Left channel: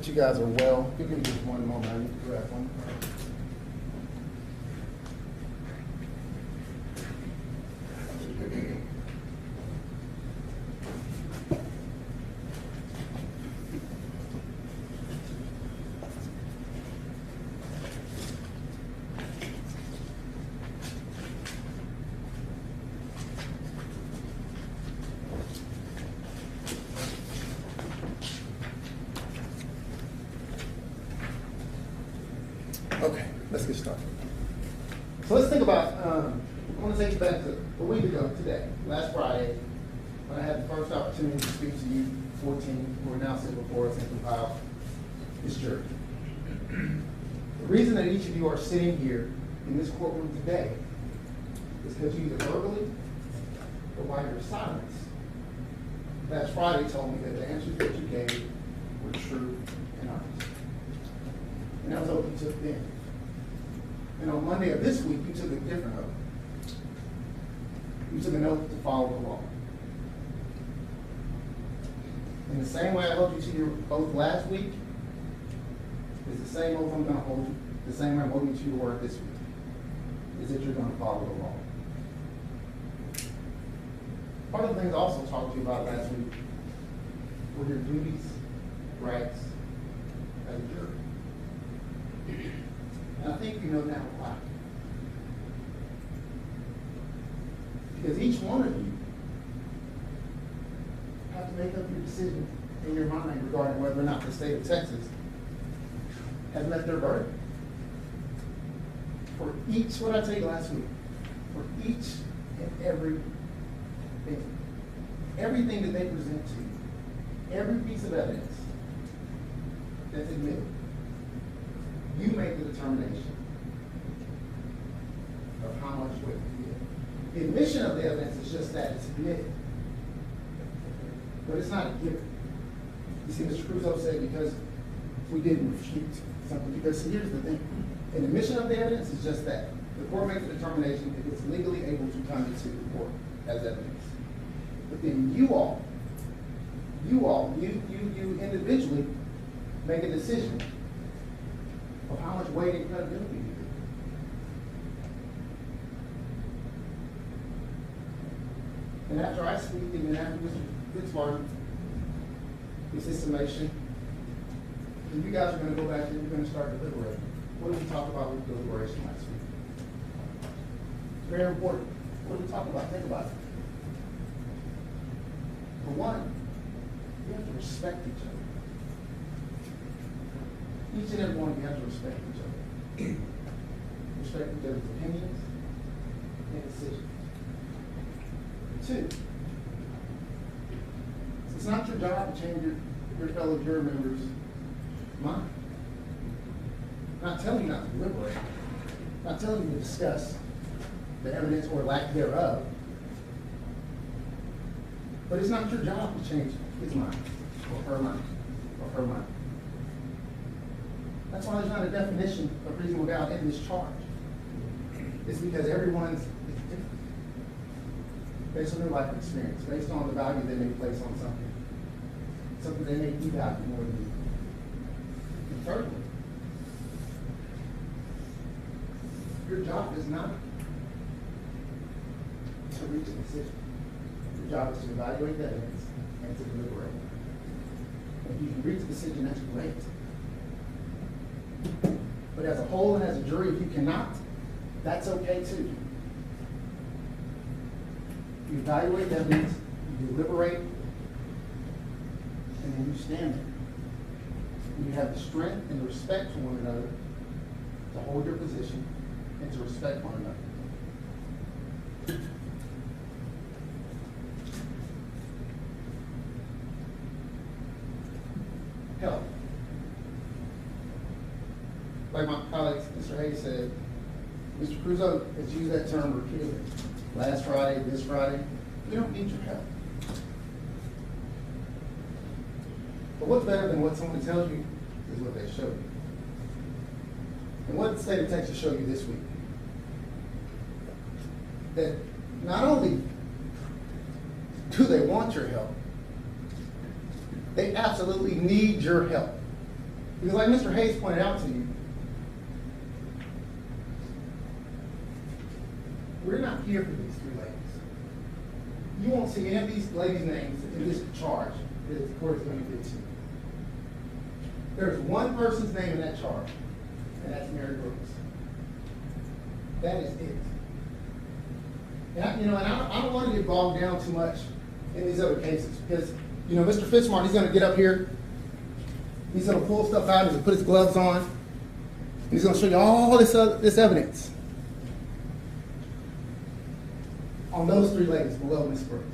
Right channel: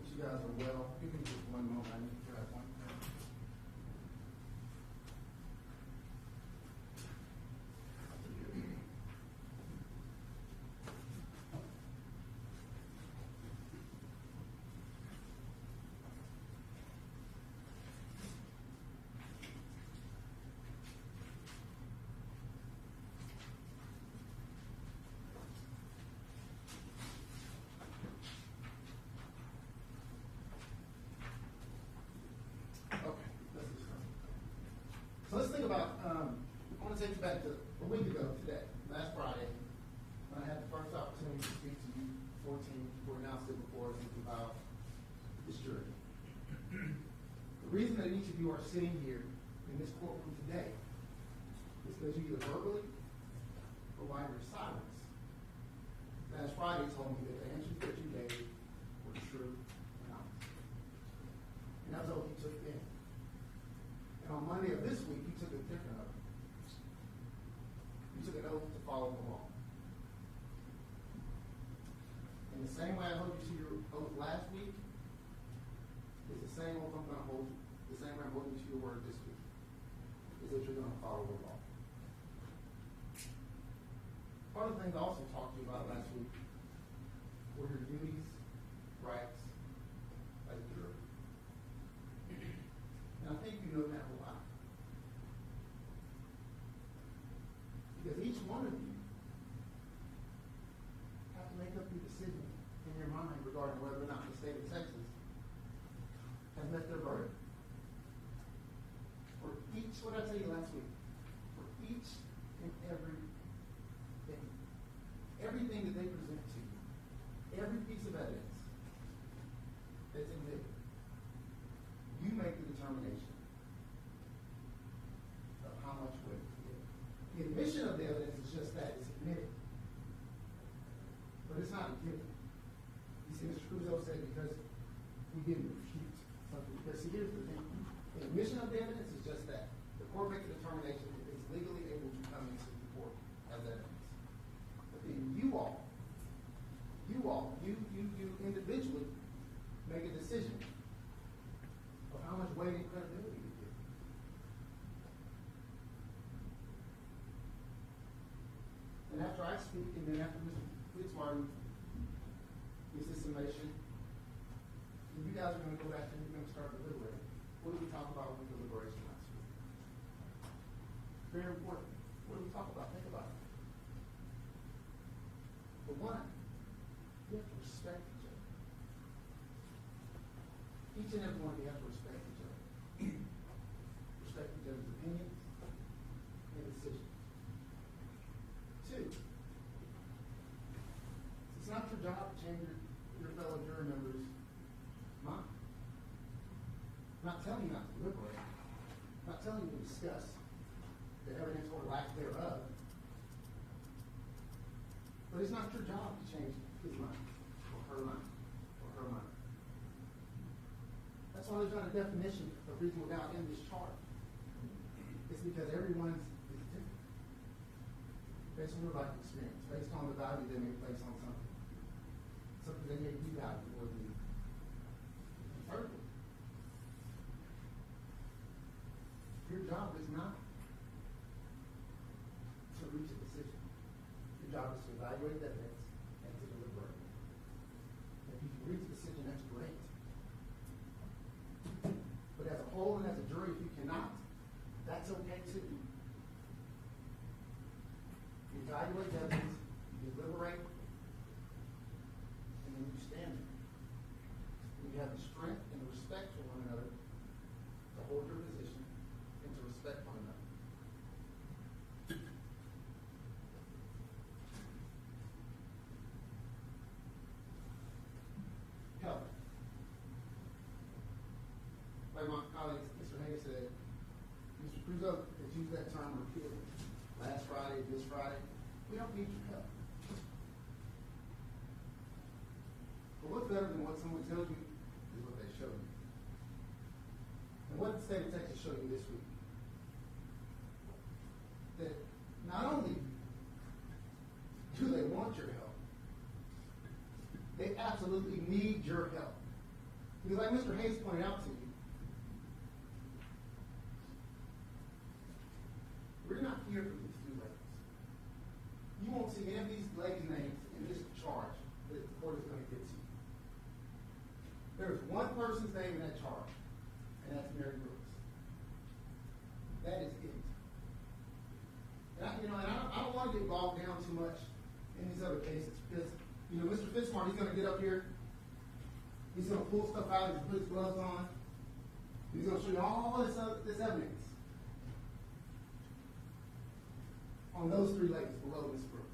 that you guys are well. Give me just one moment, I need to grab one. Okay, let's get started. So let's think about, I want to take you back to a week ago today, last Friday, when I had the first opportunity to speak to you, 14, who are now sitting before us and compile this jury. The reason that each of you are sitting here in this courtroom today is because you either verbally or by your silence last Friday told me that the answers that you gave were true and honest. And that was what you took then. And on Monday of this week, you took a different oath. You took an oath to follow the law. In the same way I held you to your oath last week, is the same oath I'm going to hold you, the same way I'm holding you to your word this week, is that you're going to follow the law. Part of the things I also talked to you about last week were your duties, rights, as a juror. And I think you know now why. Because each one of you have to make up your decision in your mind regarding whether or not the state of Texas has met their burden. For each, what I told you last week, for each and every thing, everything that they present to you, every piece of evidence that's admitted, you make the determination of how much weight to give. The admission of the evidence is just that, it's admitted. But it's not a given. You see, Mr. Crusoe said because we didn't refute something, because here's the thing. An admission of the evidence is just that. The court makes a determination if it's legally able to come into the court as evidence. But then you individually make a decision of how much weight and credibility you give. And after I speak, and then after Mr. Fitzwater gives his summation, and you guys are going to go back and you're going to start deliberating. What did we talk about with deliberation last week? Very important. What did we talk about? Think about it. For one, you have to respect each other. Each and every one of you have to respect each other. Respect each other's opinions and decisions. Two, it's not your job to change your fellow juror members' mind. I'm not telling you not to deliberate. I'm not telling you to discuss the evidence or lack thereof. But it's not your job to change his mind, or her mind, or her mind. That's why there's not a definition of reasonable doubt in this charge. It's because everyone's is different. Based on their life experience, based on the value they may place on something. Something they may devalue more than you. And thirdly, your job is not to reach a decision. Your job is to evaluate the evidence and to deliberate. If you can reach a decision, that's great. But as a whole and as a jury, if you cannot, that's okay too. You evaluate the evidence, you deliberate, and then you stand there. And you have the strength and the respect for one another to hold your position and to respect one another. Health. Like my colleague, Mr. Hayes said, Mr. Crusoe has used that term repeatedly. Last Friday, this Friday, we don't need your help. But what's better than what someone tells you is what they show you. And what did the state of Texas show you this week? That not only do they want your help, they absolutely need your help. Because like Mr. Hayes pointed out to you, we're not here for these three ladies. You won't see any of these ladies' names in this charge that the court is going to get to. There's one person's name in that charge, and that's Mary Brooks. That is it. And I don't want to get bogged down too much in these other cases because, Mr. Fitzmart, he's going to get up here, he's going to pull stuff out, he's going to put his gloves on, and he's going to show you all this evidence on those three ladies below Miss Brooks.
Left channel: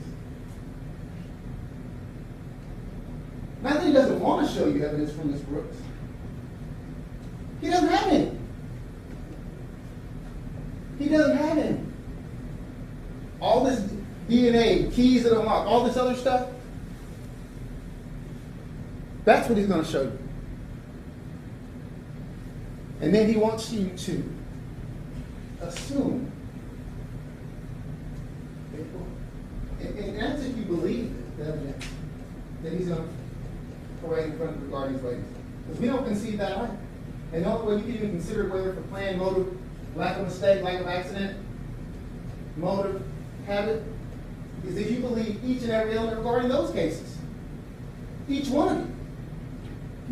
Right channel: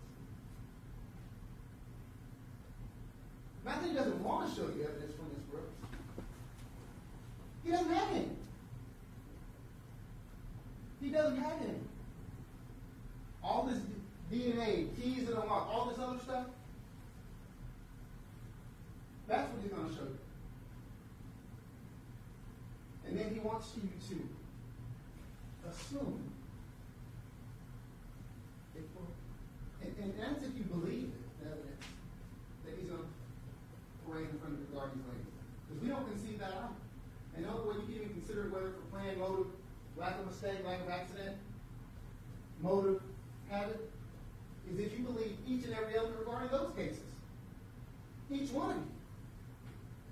Not that he doesn't want to show you evidence from Miss Brooks. He doesn't have any. He doesn't have any. All this DNA, keys that unlock, all this other stuff, that's what he's going to show you. And then he wants you to assume, and that's if you believe the evidence that he's going to parade in front of the guardian's ladies. Because we don't concede that right. And the only way you can even consider whether for plan, motive, lack of mistake, lack of accident, motive, habit, is if you believe each and every element regarding those cases. Each one of you.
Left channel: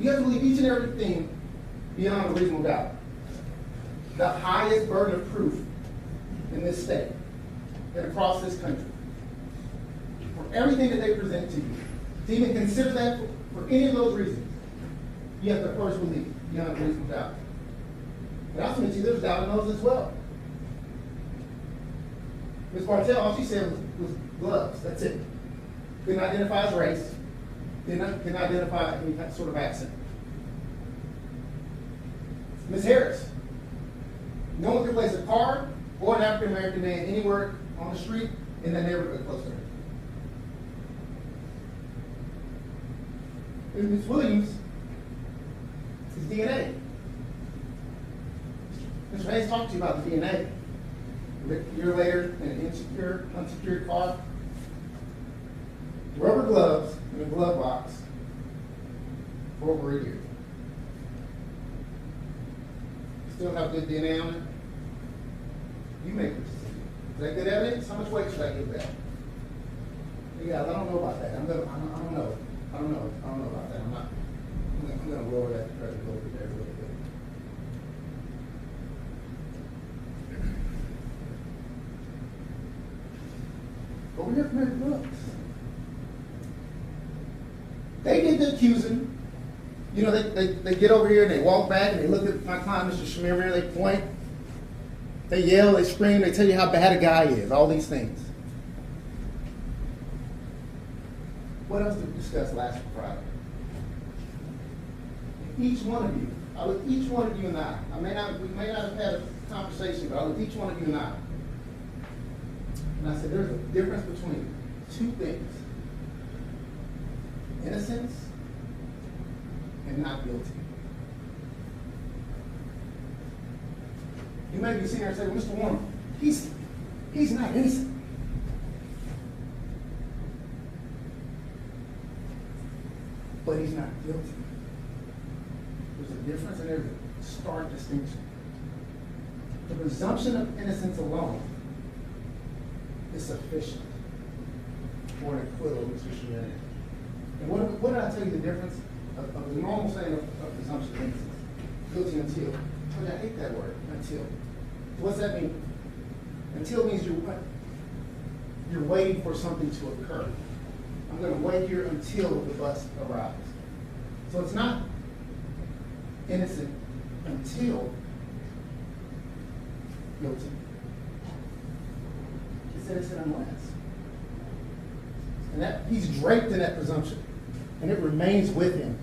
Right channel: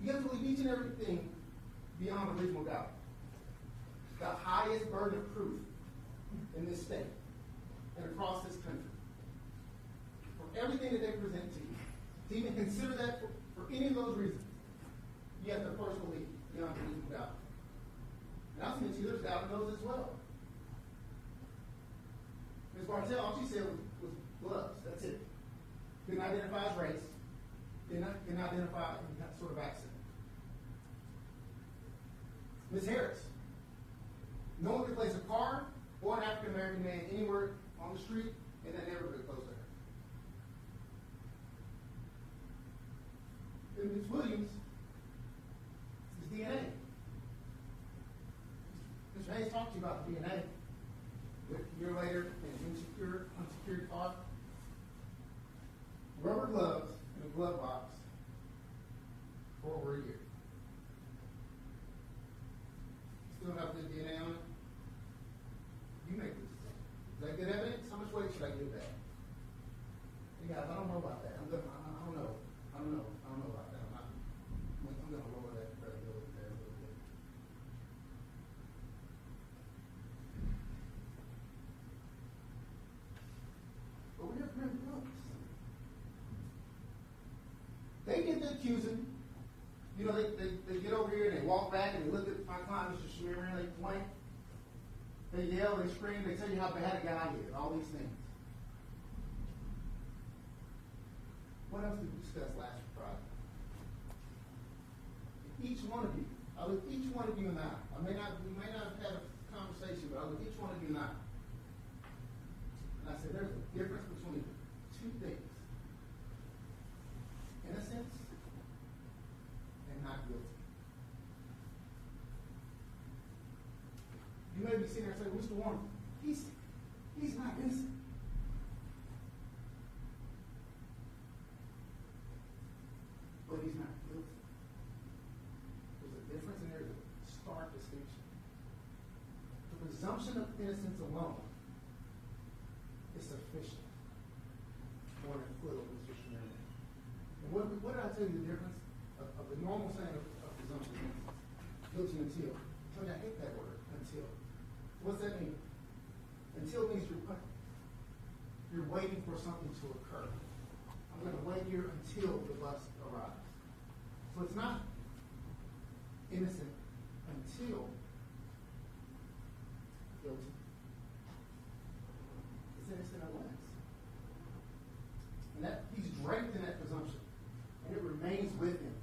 You have to believe each and everything beyond a reasonable doubt. The highest burden of proof in this state and across this country. For everything that they present to you. To even consider that for any of those reasons, you have to first believe beyond a reasonable doubt. And I'll submit to you, there's doubt in those as well. Ms. Bartell, all she said was gloves. That's it. Couldn't identify his race. Couldn't identify any sort of accent. Ms. Harris, no one could place a car or an African American man anywhere on the street in that neighborhood close to her. And Ms. Williams is DNA. Mr. Hayes talked to you about the DNA. A year later, in an unsecured car, rubber gloves in a glove box for over a year. Still have good DNA on it? You make the decision. Is that good evidence? How much weight should I give that? Yeah, I don't know about that. I don't know about that. I'm gonna lower that pressure a little bit there a little bit. But we're here for Mary Brooks. They did the accusing. They get over here and they walk back and they look at my client, Mr. Chemirmir, they point, they yell, they scream, they tell you how bad a guy is, all these things. What else did we discuss last Friday? Each one of you, I looked each one of you and I. We may not have had a conversation, but I looked each one of you and I. And I said, there's a difference between two things. Innocence and not guilty. You may be sitting here and say, well, Mr. Warner, he's not innocent. But he's not guilty. There's a difference and there's a stark distinction. The presumption of innocence alone is sufficient for an acquittal of Mr. Chemirmir. And what did I tell you the difference of the normal saying of presumption of innocence? Guilty until. But I hate that word, until. What's that mean? Until means you're waiting for something to occur. I'm going to wait here until the bus arrives. So it's not innocent until guilty. It's innocent unless. And that he's draped in that presumption. And it remains with him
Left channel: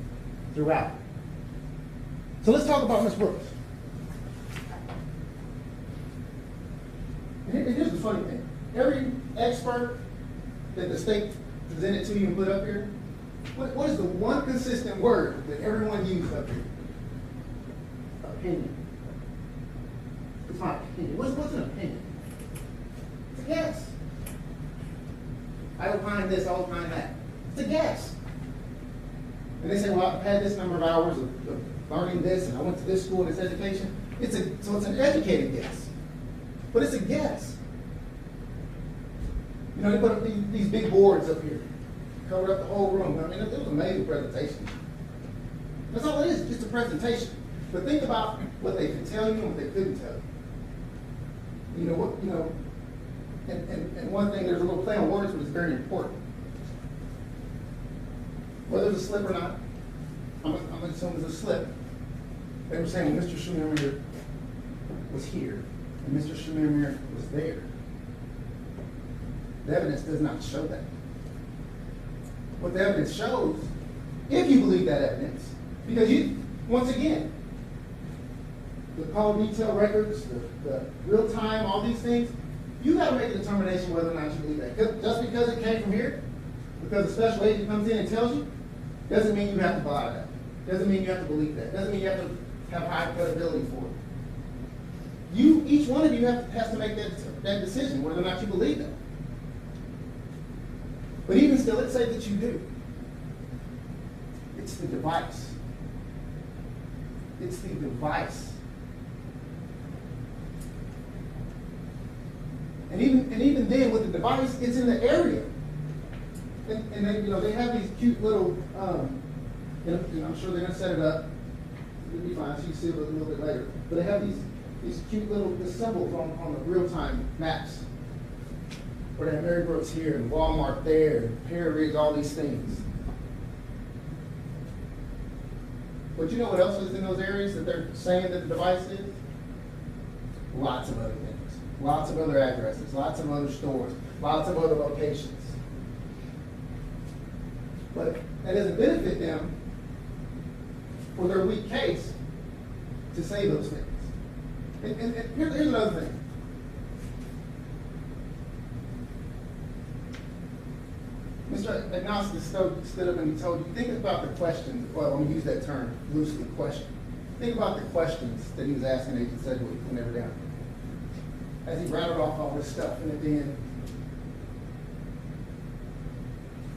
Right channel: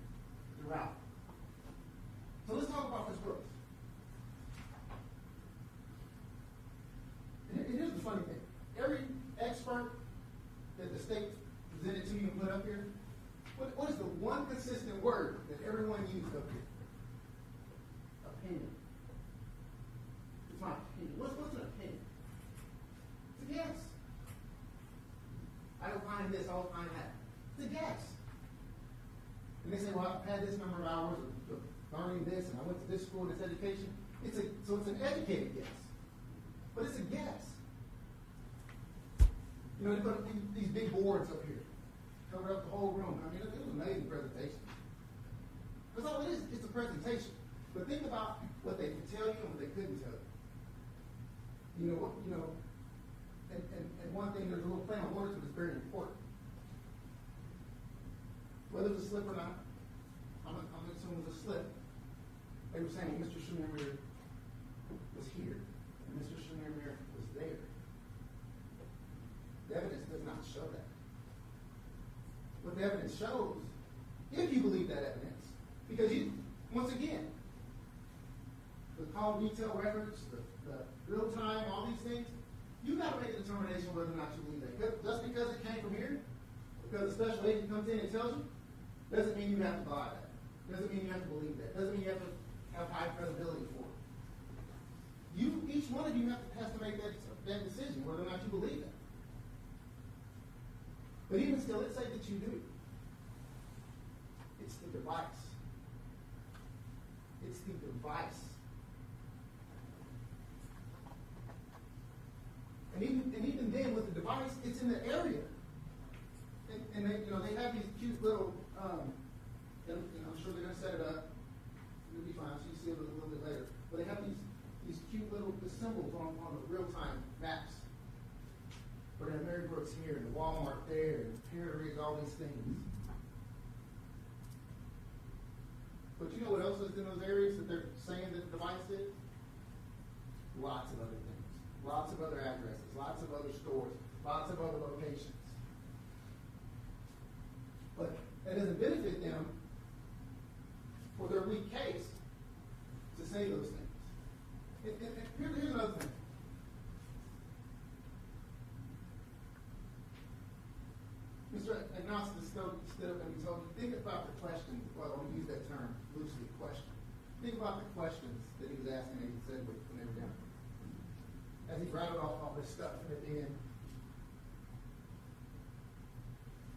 throughout. So let's talk about Ms. Brooks. And here's the funny thing. Every expert that the state presented to you and put up here, what is the one consistent word that everyone used up here? Opinion. It's my opinion. What's an opinion? It's a guess. I opine this, I opine that. It's a guess. And they say, well, I've had this number of hours of learning this, and I went to this school and this education. So it's an educated guess. But it's a guess. You know, they put up these big boards up here, covered up the whole room. I mean, it was an amazing presentation. That's all it is, just a presentation. But think about what they could tell you and what they couldn't tell you. And one thing, there's a little play on words, but it's very important. Whether it's a slip or not, I'm assuming it's a slip. They were saying Mr. Chemirmir was here, and Mr. Chemirmir was there. The evidence does not show that. What the evidence shows, if you believe that evidence, because once again, the call detail records, the real time, all these things, you got to make a determination whether or not you believe that. Just because it came from here, because a special agent comes in and tells you, doesn't mean you have to buy that. Doesn't mean you have to believe that. Doesn't mean you have to have high credibility for it. Each one of you has to make that decision, whether or not you believe that. But even still, let's say that you do. It's the device. It's the device. And even then, with the device, it's in the area. And they have these cute little, and I'm sure they're going to set it up. It'll be fine, so you see it a little bit later. But they have these cute little symbols on the real-time maps. Where they have Mary Brooks here, and Walmart there, and Perry, all these things. But you know what else is in those areas that they're saying that the device is? Lots of other things. Lots of other addresses, lots of other stores, lots of other locations. But that doesn't benefit them for their weak case to say those things. And here's another thing. Mr. Agnostic stood up and he told you, think about the questions. Well, I'm going to use that term loosely, question. Think about the questions that he was asking Agent Sedgwick when they were down there. As he rattled off all this stuff, and at the end,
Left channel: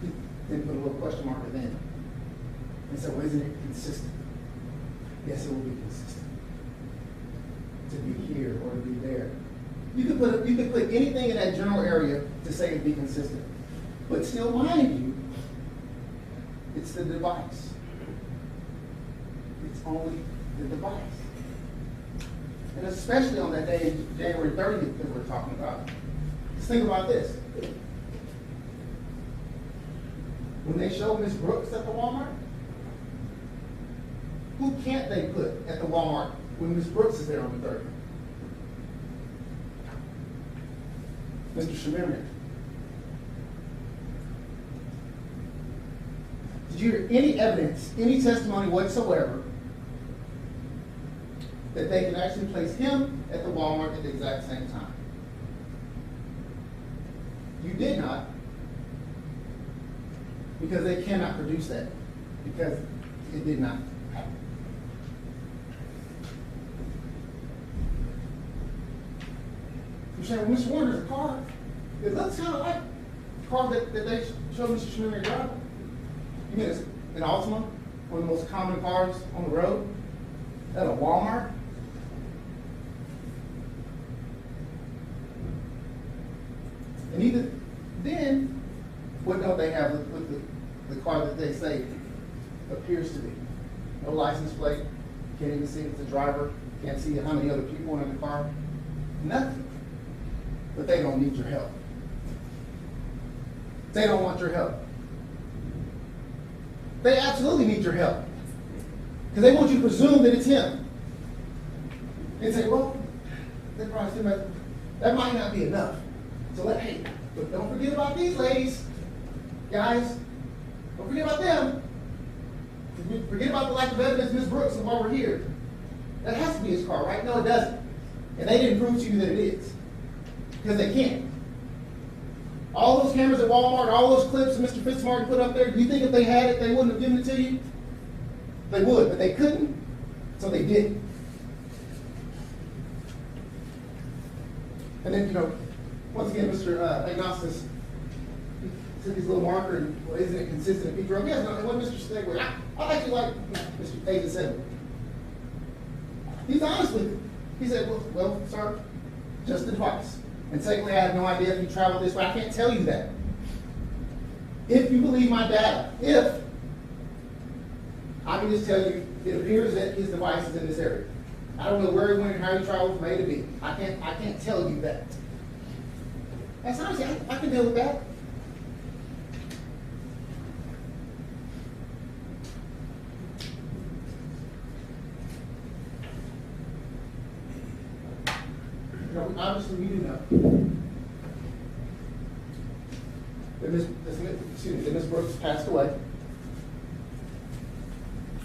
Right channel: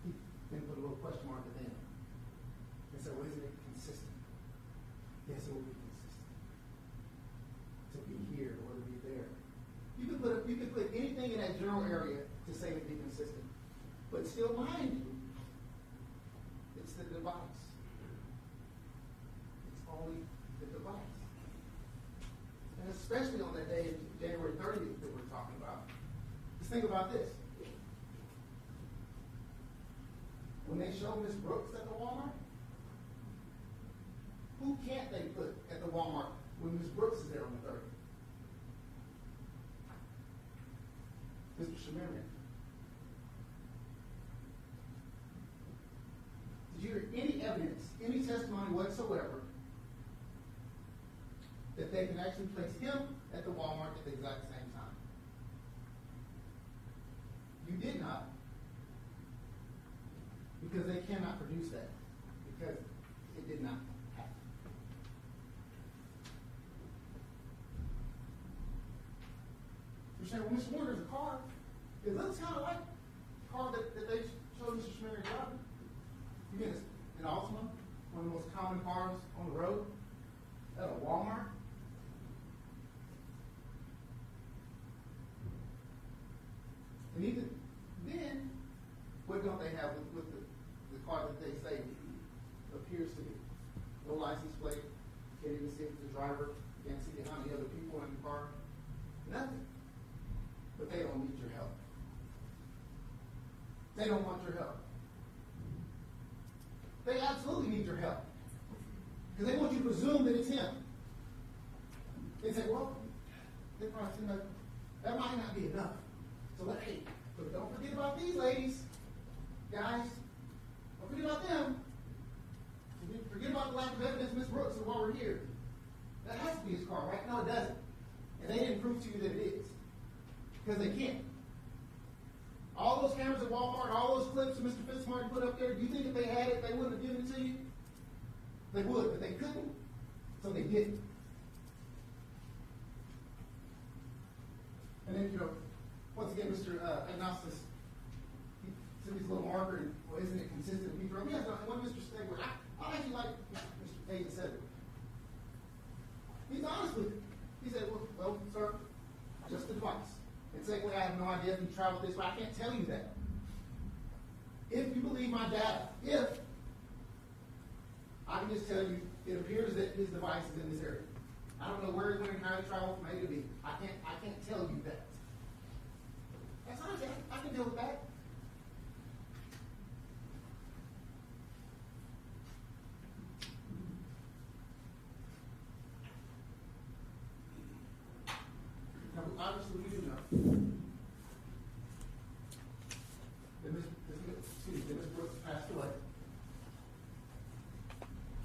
he then put a little question mark at the end. And said, well, isn't it consistent? Yes, it will be consistent. To be here or to be there. You could put anything in that general area to say it'd be consistent. But still, mind you, it's the device. It's only the device. And especially on that day, January 30th that we're talking about. Just think about this. When they show Miss Brooks at the Walmart, who can't they put at the Walmart when Miss Brooks is there on the 30th? Mr. Chemirmir. Did you hear any evidence, any testimony whatsoever that they can actually place him at the Walmart at the exact same time? You did not, because they cannot produce that, because it did not happen. You're saying, well, Mr. Warner's a car. It looks kind of like the car that they showed Mr. Chemirmir driving. You mean it's an Altima, one of the most common cars on the road, at a Walmart? And even then, what don't they have with the car that they say appears to be? No license plate, can't even see if it's a driver, can't see how many other people are in the car, nothing. But they don't need your help. They don't want your help. They absolutely need your help. Because they want you to presume that it's him. And say, well, that might not be enough. So hey, but don't forget about these ladies. Guys, don't forget about them. Forget about the lack of evidence, Ms. Brooks, and while we're here. That has to be his car, right? No, it doesn't. And they didn't prove to you that it is. Because they can't. All those cameras at Walmart, all those clips that Mr. Fitzmartin put up there, do you think if they had it, they wouldn't have given it to you? They would, but they couldn't, so they didn't. And then, once again, Mr. Agnostis took his little marker and, well, isn't it consistent if he drove? Yes, no, and what Mr. Stegway, I actually like Mr. Agent Sedgwick. He's honest with you. He said, well, sir, just the device. And secondly, I have no idea if you traveled this way. I can't tell you that. If you believe my data, I can just tell you, it appears that his device is in this area. I don't know where he went and how he traveled from A to B. I can't tell you that. That's honestly, I can deal with that. You know, obviously we do know that Ms. Brooks passed away.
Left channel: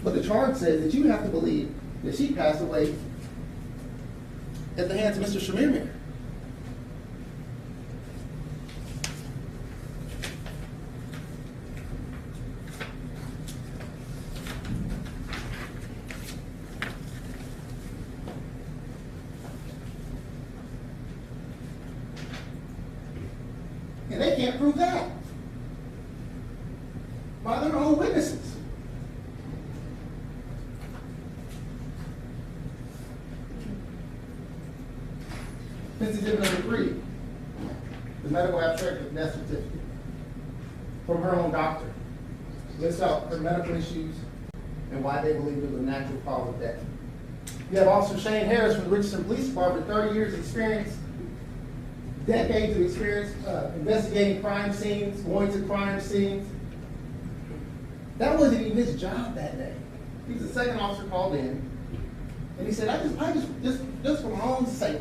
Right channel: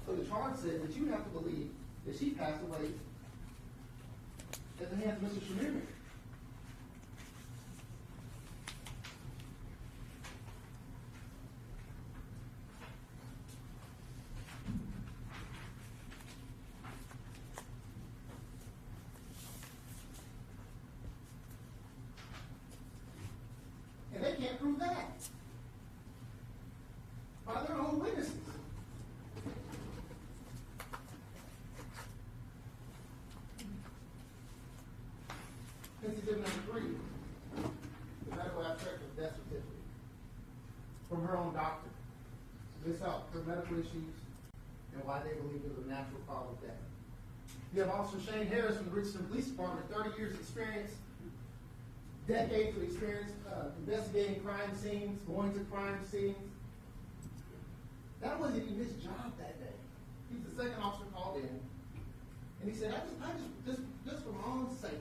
But the charge says that you have to believe that she passed away at the hands of Mr. Chemirmir. And they can't prove that by their own witnesses. This is exhibit number 3, the medical abstract of death certificate from her own doctor. Lists out her medical issues and why they believe it was a natural cause of death. You have Officer Shane Harris from the Richardson Police Department, 30 years experience, decades of experience investigating crime scenes, going to crime scenes. That wasn't even his job that day. He's the second officer called in, and he said, I just for my own sake,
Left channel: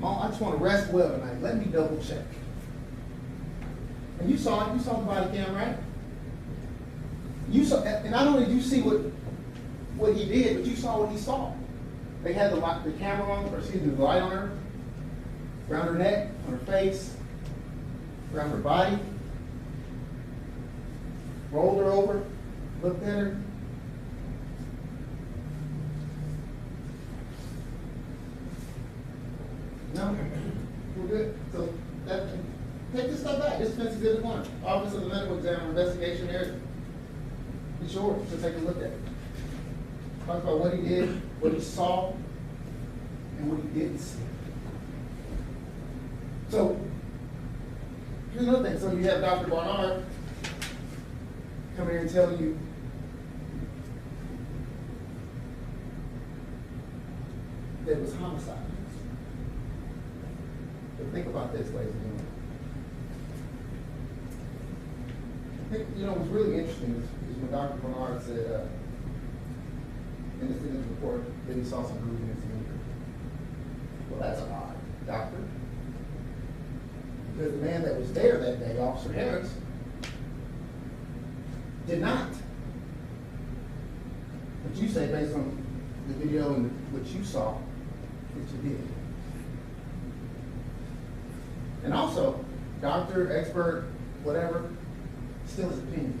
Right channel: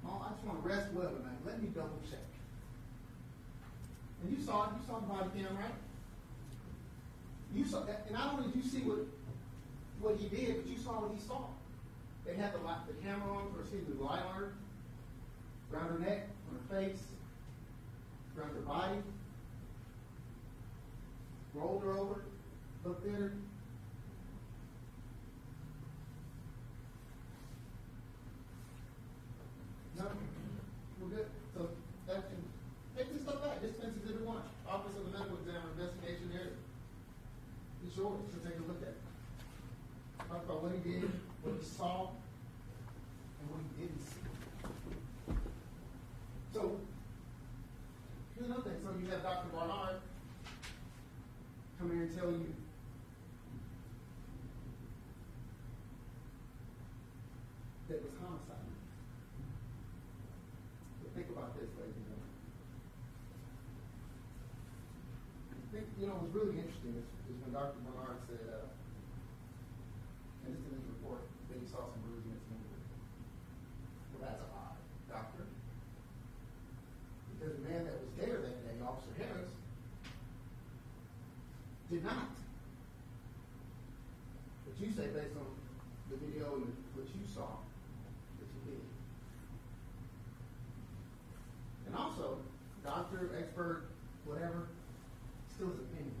I just want to rest well tonight. Let me double check. And you saw it. You saw the body cam, right? You saw, and not only did you see what he did, but you saw what he saw. They had the camera on, or excuse me, the light on her, around her neck, on her face, around her body. Rolled her over, looked at her. No, we're good. So take this stuff back. This is exhibit 1. Office of the Medical Examiner Investigation Area. Be sure to take a look at it. Talk about what he did, what he saw, and what he didn't see. So here's another thing. So you have Dr. Barnard come here and tell you that it was homicide. But think about this, ladies and gentlemen. I think, what's really interesting is when Dr. Barnard said in his report that he saw some bruising and some injury. Well, that's odd, doctor. Because the man that was there that day, Officer Harris, did not. But you say, based on the video and what you saw, that you did. And also, doctor, expert, whatever, still his opinion.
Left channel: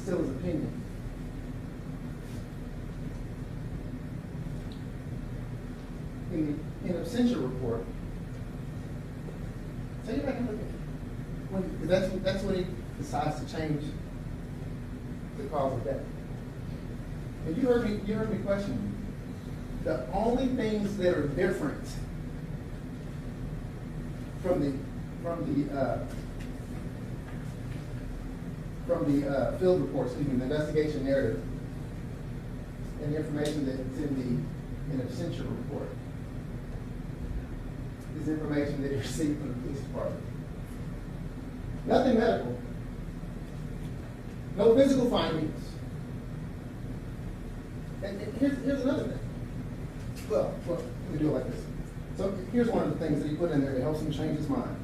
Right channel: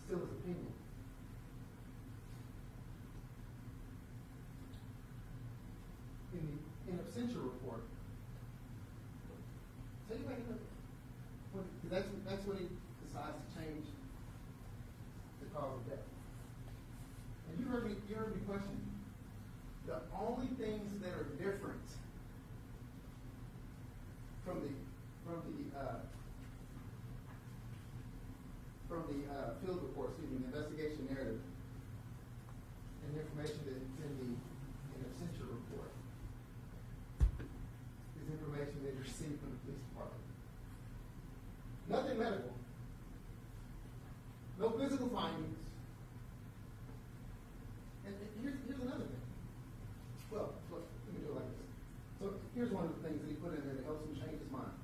Still his opinion. In absentia report, take it back and look at it. That's when he decides to change the cause of death. And you heard me question you. The only things that are different from the field report, the investigation narrative, and the information that's in the absentia report is information that you received from the police department. Nothing medical. No physical findings. And here's another thing. Well, let me do it like this. So here's one of the things that he put in there that helps him change his mind.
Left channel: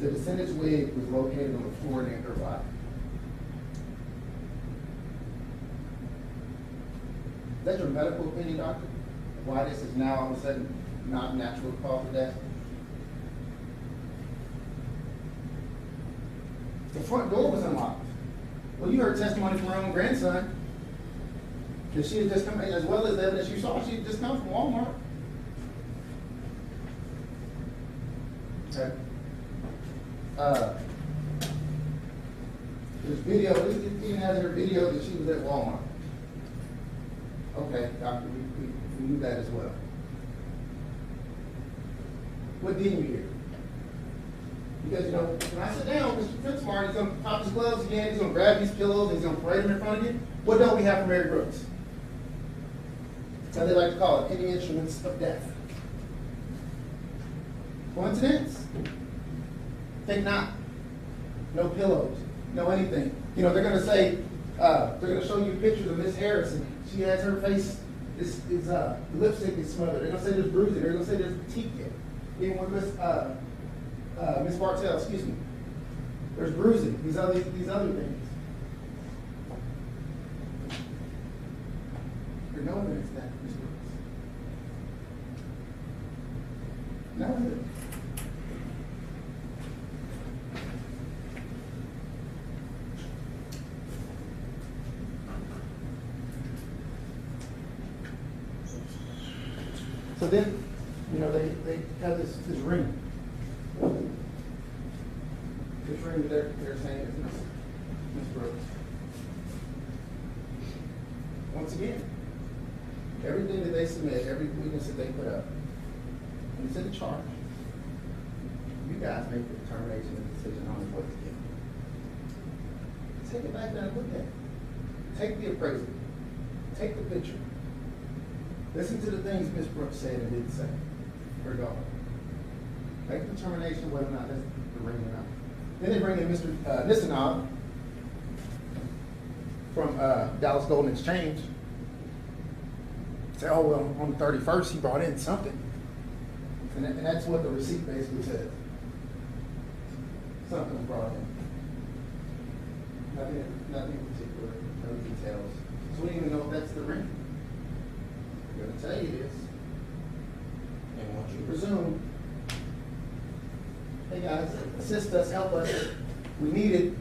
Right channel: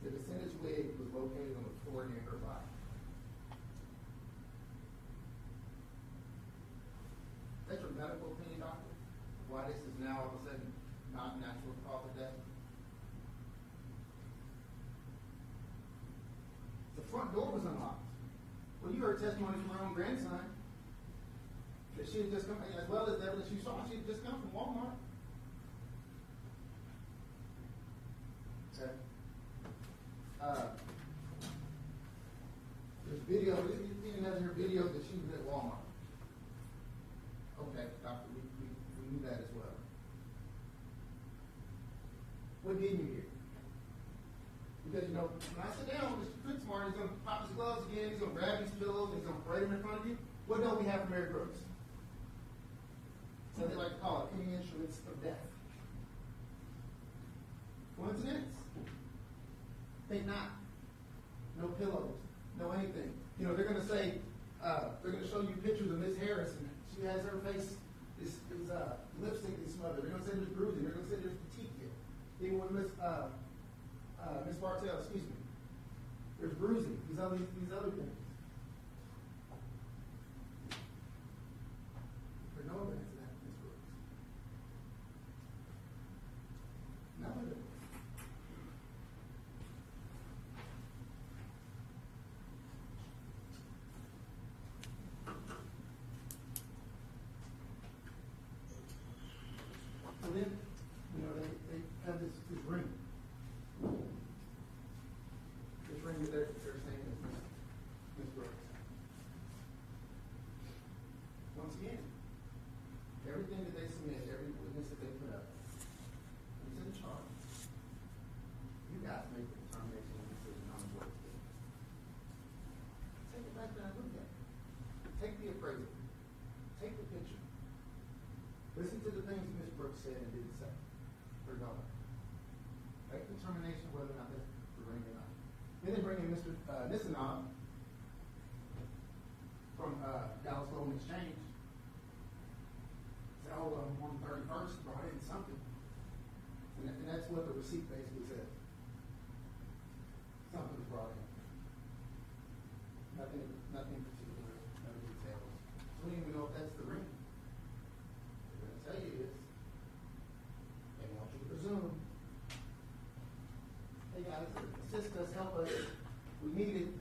The descendant's wig was located on the floor near her body. Is that your medical opinion, doctor? Why this is now all of a sudden not natural cause of death? The front door was unlocked. Well, you heard testimony from her own grandson that she had just come, as well as the evidence you saw, she had just come from Walmart. Okay. There's video, it even has her video that she was at Walmart. Okay. Okay, doctor, we knew that as well. What didn't you hear? Because, you know, when I sit down, Mr. Fitzmartin, he's going to pop his gloves again, he's going to grab these pillows, and he's going to parade them in front of you. What don't we have from Mary Brooks? That's how they like to call it, any instruments of death. Coincidence? Think not. No pillows, no anything. You know, they're going to say, they're going to show you pictures of Miss Harrison. She has her face, the lipstick is smothered. They're going to say there's bruising. They're going to say there's petite. Even with Miss Bartell, excuse me. There's bruising, these other things. There's no evidence of that, Ms. Brooks. No evidence. So then, you know, they have this ring. This ring that they're saying is Ms. Brooks. Once again, everything that they submit, every witness that they put up, when it's in the charge, you guys make the determination and decision on what to do. Take it back there and look at it. Take the appraisal. Take the picture. Listen to the things Ms. Brooks said and didn't say. Her daughter. Make a determination whether or not that's the ring or not. Then they bring in Mr. Nissenov from Dallas Golden Exchange. Say, oh, well, on the 31st, he brought in something. And that's what the receipt basically says. Something was brought in. Nothing in particular, no details. So we don't even know if that's the ring. I'm going to tell you this. And once you presume, hey guys, assist us, help us, we need it.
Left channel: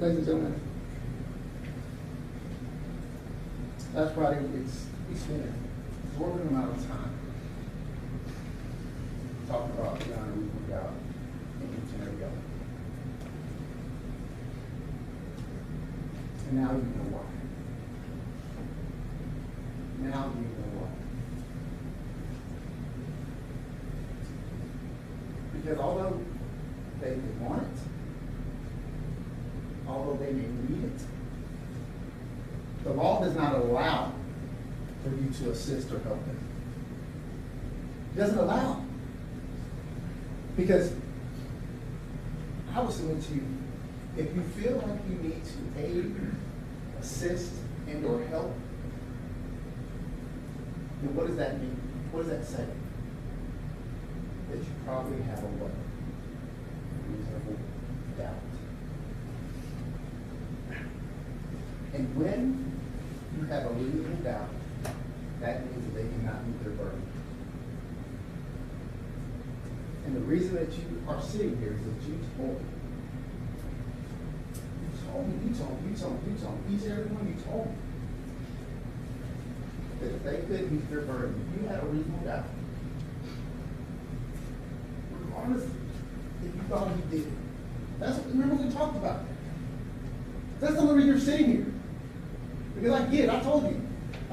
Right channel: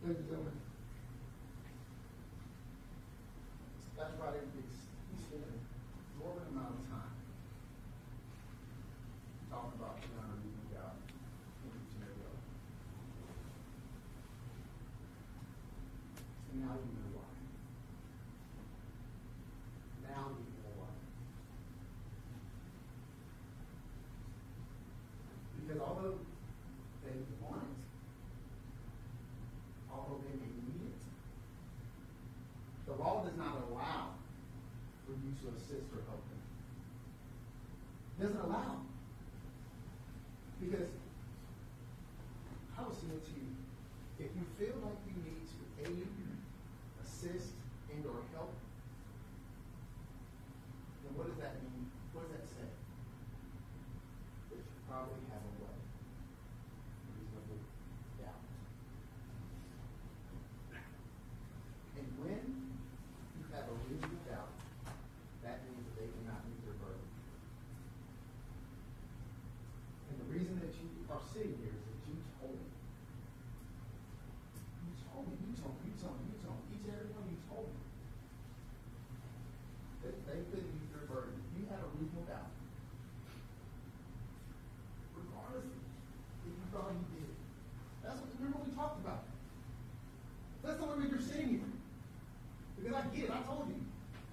Ladies and gentlemen, that's why we spend an exorbitant amount of time talking about the honor we put out in each and every other. And now you know why. Now you know why. Because although they want it, although they may need it, the law does not allow for you to assist or help them. It doesn't allow. Because I will submit to you, if you feel like you need to aid, assist, and or help, then what does that mean? What does that say? That you probably have a what? Reasonable doubt. And when you have a reasonable doubt, that means that they cannot meet their burden. And the reason that you are sitting here is that you told me, each and every one you told me, that if they couldn't meet their burden, you had a reasonable doubt. Regardless if you thought you did. Remember we talked about that. That's the only reason you're sitting here. Because I get it, I told you.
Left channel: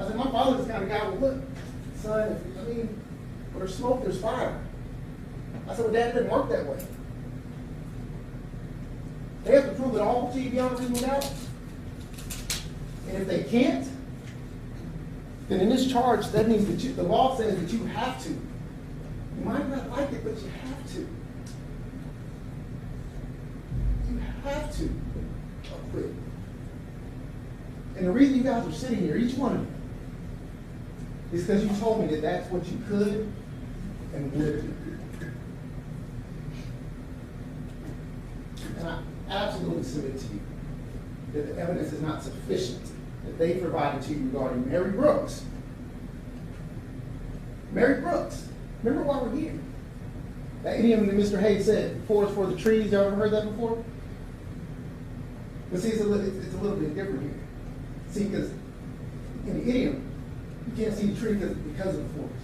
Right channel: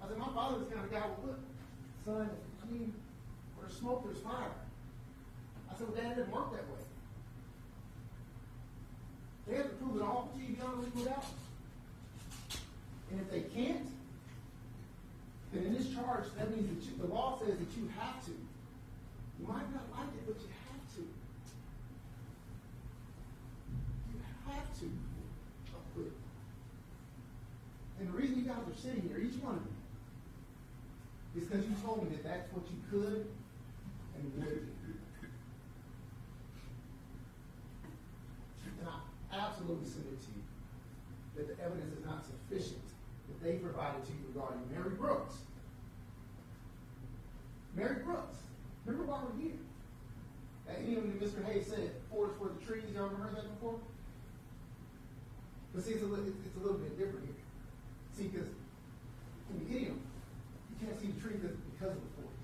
I said, my father's the kind of guy, well, look, son, where there's smoke, there's fire. I said, well, Dad, it didn't work that way. They have to prove it all to you beyond a reasonable doubt. And if they can't, then in this charge, that means that the law says that you have to. You might not like it, but you have to. You have to acquit. And the reason you guys are sitting here, each one of you, is because you told me that that's what you could and would do. And I absolutely submit to you that the evidence is not sufficient that they provided to you regarding Mary Brooks. Mary Brooks. Remember why we're here? That idiom that Mr. Hayes said, forest for the trees. Y'all ever heard that before? But see, it's a little bit different here. See, because in the idiom, can't see the tree because of the forest.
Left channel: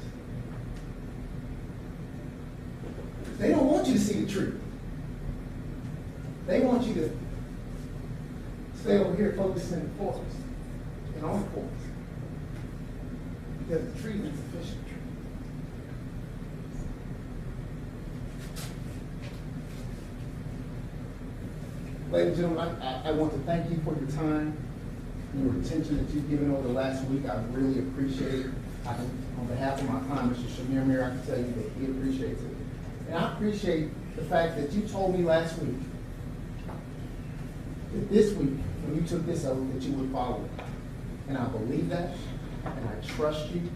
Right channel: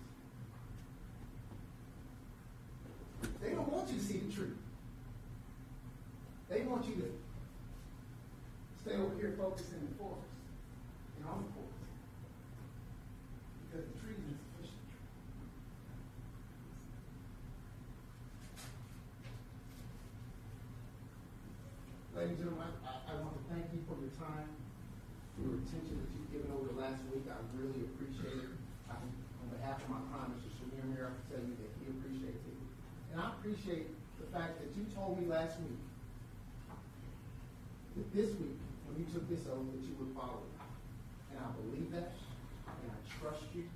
They don't want you to see the tree. They want you to stay over here focusing in the forest and on the forest. Because the tree is insufficient. Ladies and gentlemen, I want to thank you for your time, your attention that you've given over the last week. I really appreciate it. On behalf of my client, Mr. Chemirmir, I can tell you that he appreciates it. And I appreciate the fact that you told me last week that this week, when you took this oath, that you would follow it. And I believe that, and I trust you.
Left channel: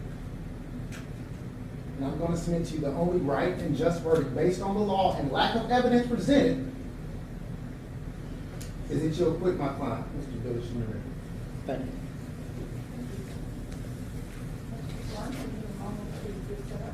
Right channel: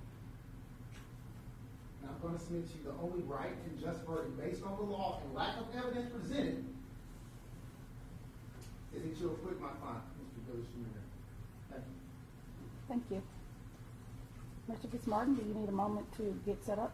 And I'm going to submit to you the only right and just verdict based on the law and lack of evidence presented is that you'll acquit my client, Mr. Billy Chemirmir. Thank you. Thank you. Mr. Martin, you need a moment to get set up.